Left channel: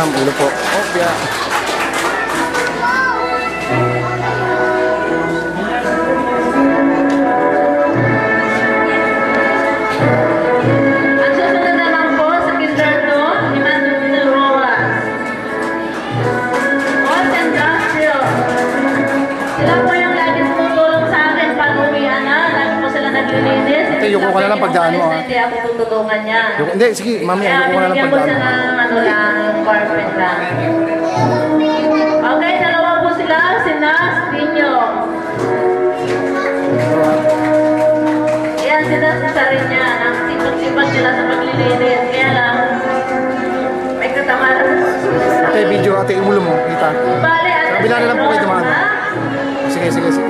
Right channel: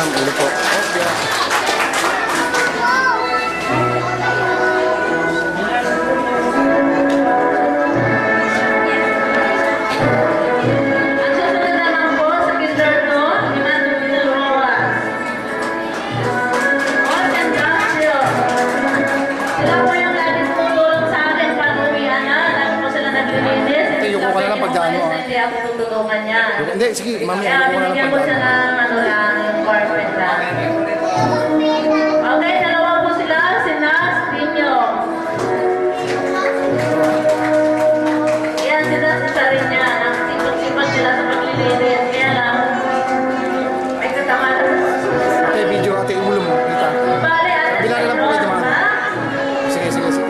Ma'am, ulo po. Opya. Yuko ka na lang pagdaan mo. Hindi ako tutulungan niya. Hindi, sige, mami, yuko ka na lang Binigyan ko siya pagdaan mo. ng ano lang, yung carpet lang. Okay, dalawa po sila, si Nas, Pinyo. Ayan, sila sa rin niya. Sipag-sipag sila sa paglilinis. Kaya lang, may katamaran. Ate, video, ate, ulo mo. Kita. Bale, ate, Kabila na lang po kayo dumaan. Sige, sige, sige.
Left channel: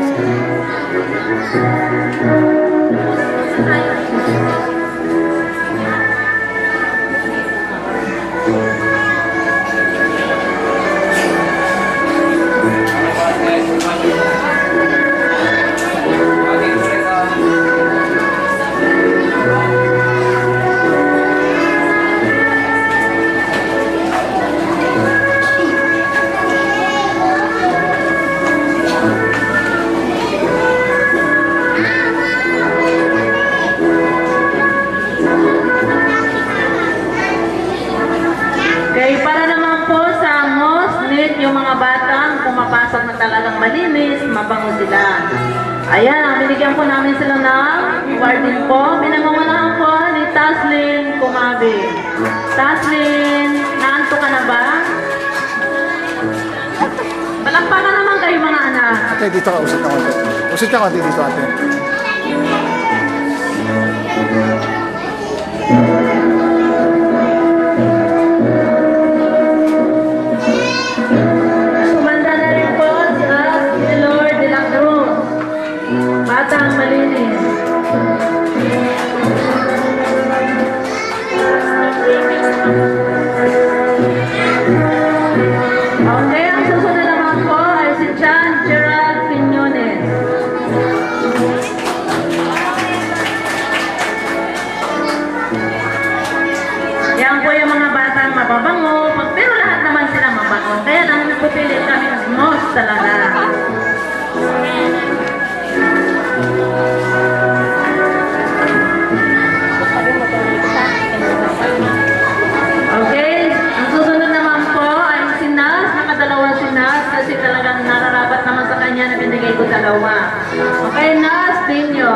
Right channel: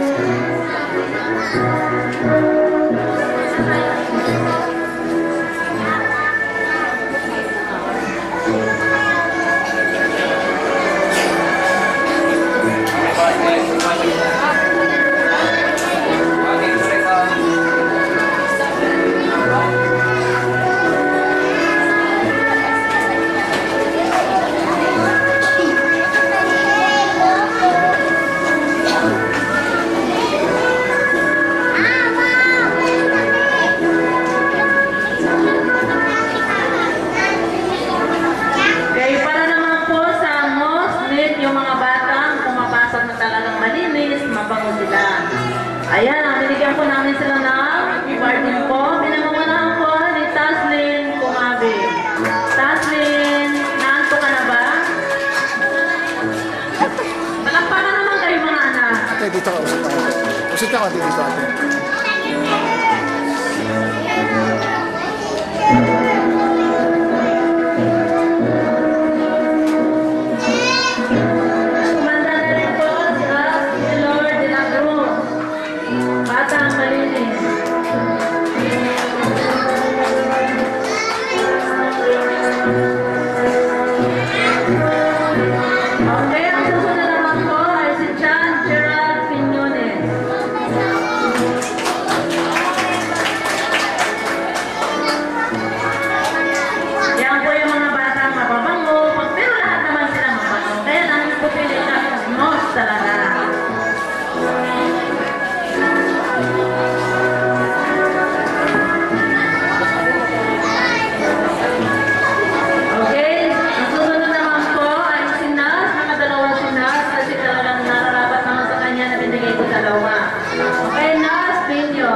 malinis, mabango sila. Ayan, binigyan po namin sila ng warning po. Pinamamanahan po ni Taslin Kumabi. Taslin, naanto ka na ba? Palakpakan naman kayo mga anak. Ate, dito ka, usit ako. Usit ka konti dito, ate. Kumanda na rin po si Lord de la Cruz. Batang malinis. Okay, ang susunod naman po ay si John Gerald Piñones. Yan po yung mga batang mababango, pero lahat naman sila mabango. Kaya namin pupili kami ng most talaga. Okay, ang susunod naman po ay si Nas, nakadalawang si Nas, kasi talagang nararapat naman sa kanya na binigay ko dalawa. Okay, Nas, Pinyo.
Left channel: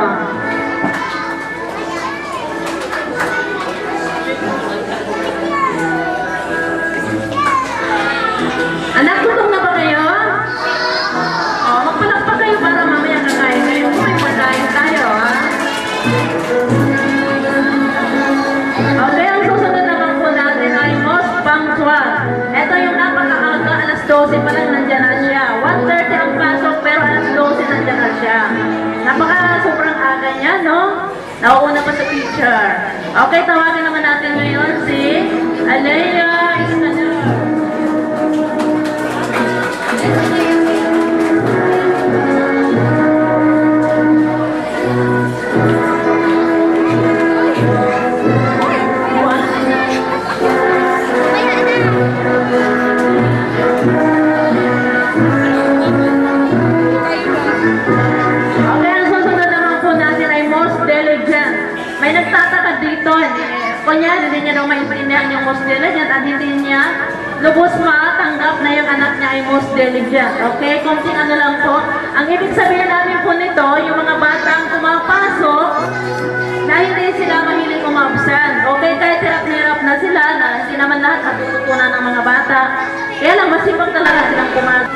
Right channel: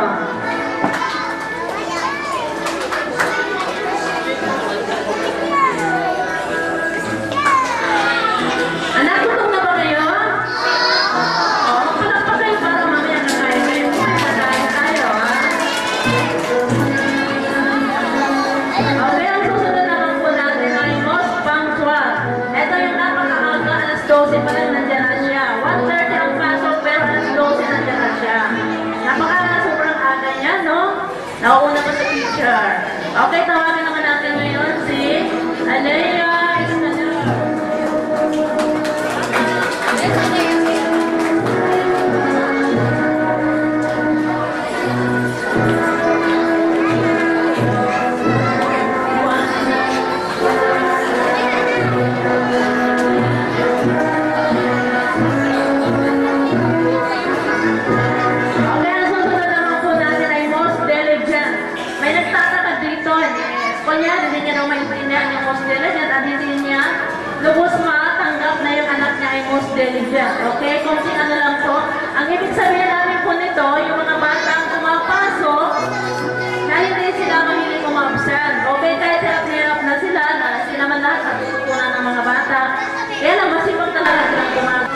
Anak, gutom na ba kayo? Oh, magpalakpak kayo para mamaya kakain kayo. May pagkain tayo, ha? Okay, ang susunod naman po natin ay most punctual. Ito yung napakaaga, alas 12 pa lang nandyan na siya. 1:30 ang pasok, pero alas 12 nandyan na siya. Sobrang aga niya, no? Nauuna pa sa teacher. Okay, tawagin naman natin ngayon si Alea Ismael. Kunya, hindi niya daw maintindihan yung most diligent at hindi niya lubos matanggap na yung anak niya ay most diligent. Okay? Konting ano lang po. Ang ibig sabihin namin po nito, yung mga batang pumapasok na hindi sila mahilig umabsent. Okay? Kahit hirap na sila, na hindi naman lahat natututunan ng mga bata. Kaya lang, masipag talaga silang pumasok.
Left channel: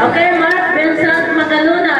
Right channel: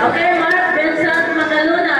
Okay, Mark Vincent Magaluna.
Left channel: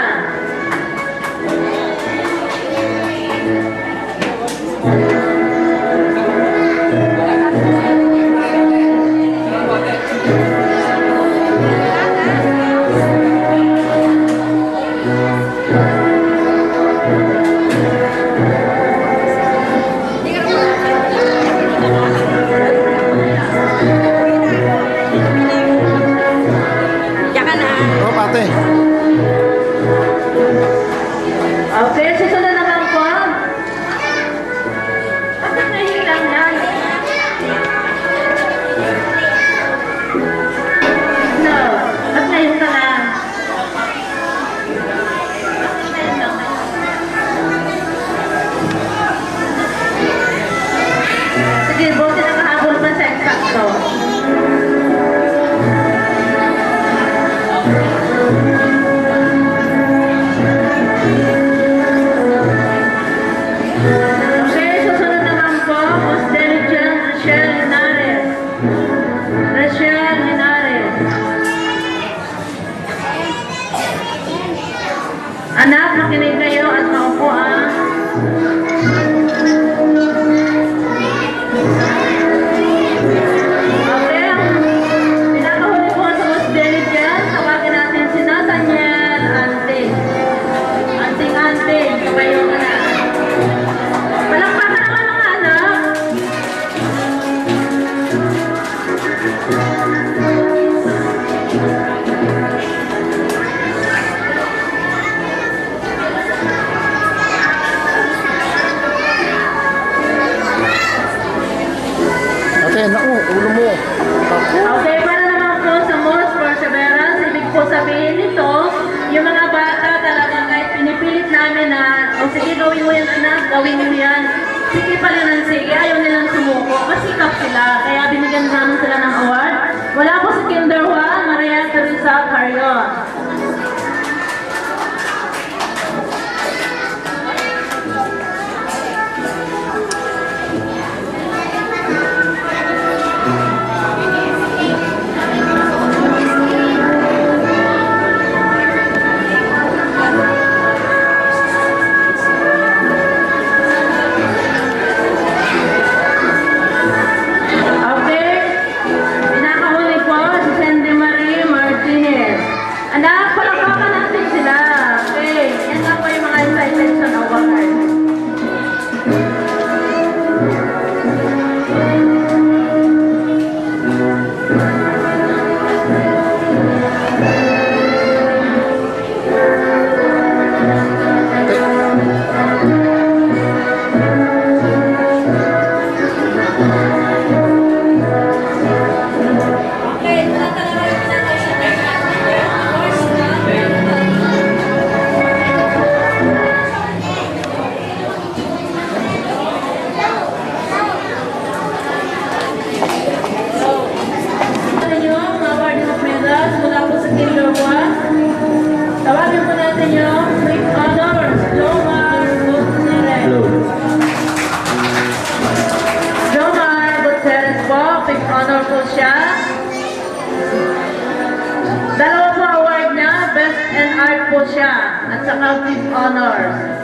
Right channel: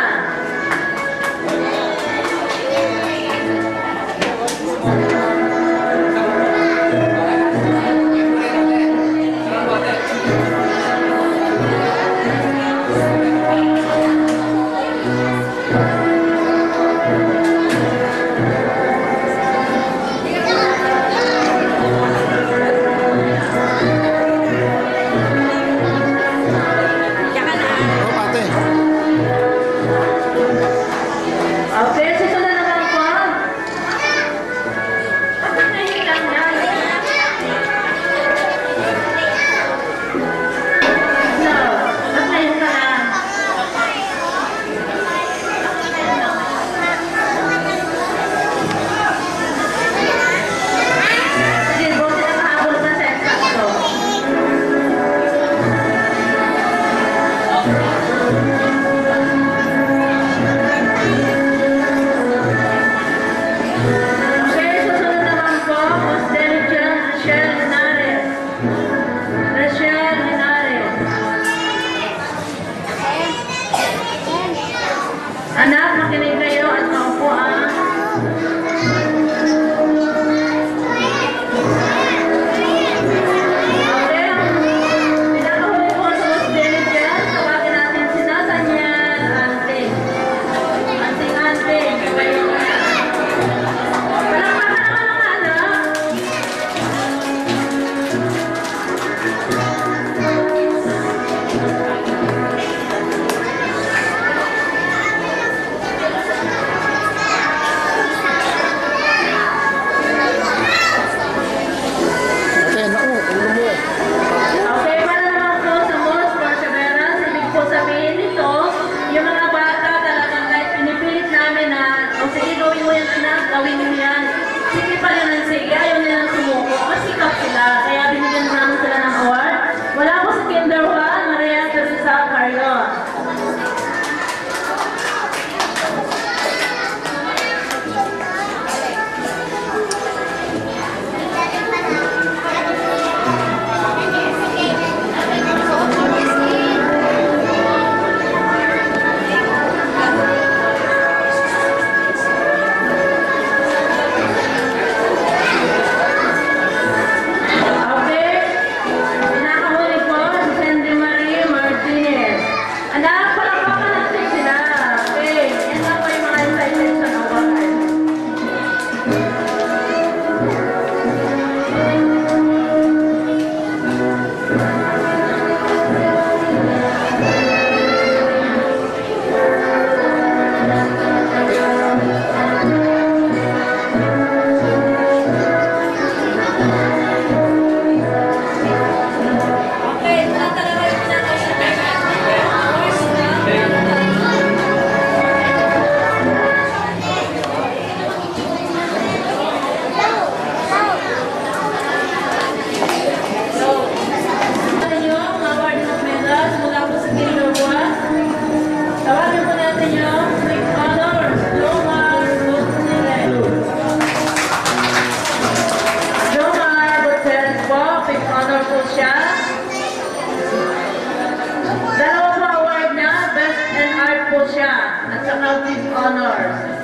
po siya at saka with honors.